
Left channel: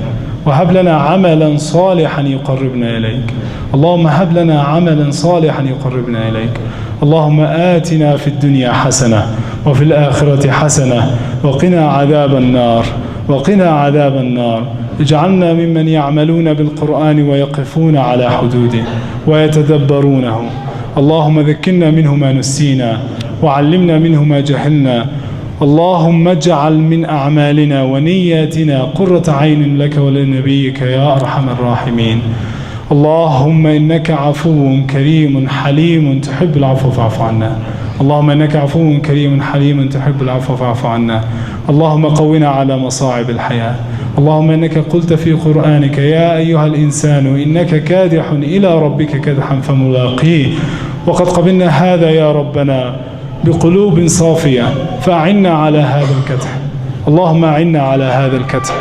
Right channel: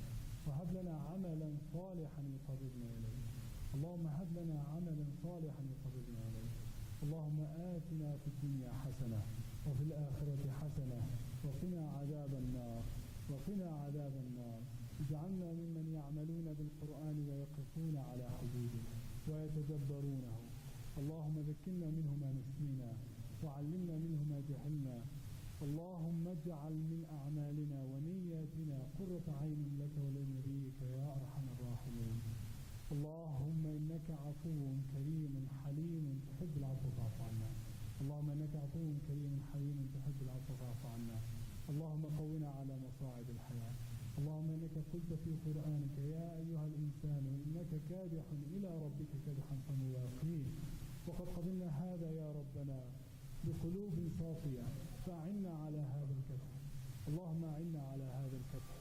وهب لنا عملا صالحا يقربنا إليك اللهم هب لنا عملا صالحا يقربنا إليك اللهم آتنا في الدنيا حسنة وفي الآخرة حسنة وقنا عذاب النار وقنا عذاب النار اجعلنا ممن يعملون بالقرآن ويقفون على حدوده ويتدبرونه اللهم ذكرنا منه ما نسينا وعلمنا منه ما جهلنا اللهم اجعل من أعمالنا ونياتنا قرة عين لك ولنبيك يا أرحم الراحمين اللهم إنك عفو كريم حليم تحب العفو فاعف عنا اللهم إنك عفو كريم حليم تحب العفو فاعف عنا اللهم قونا على مصاعب الحياة اللهم إنك قلت في قرآنك يا أيها الإنسان إنك كادح إلى ربك كدحا فملاقيه وقد قبلنا هذا يا ربنا بقلوب صافية فأعنا على هذا الكدح اللهم أعنا على هذا الكدح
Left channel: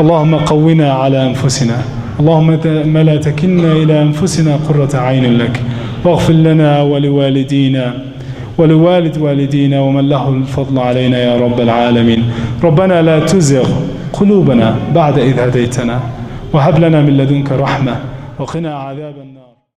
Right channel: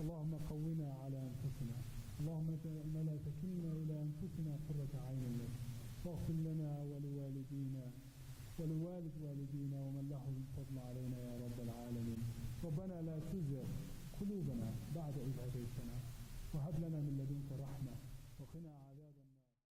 اللهم قونا على أنفسنا اللهم لا تكلنا إلى أنفسنا قرة عين لك واغفر لنا ولوالدينا ولوالد والدينا ومن له الفضل علينا يا رب العالمين. ربنا لا تزغ قلوبنا بعد إذ هديتنا وهب لنا من لدنك رحمة وقنا عذاب النار.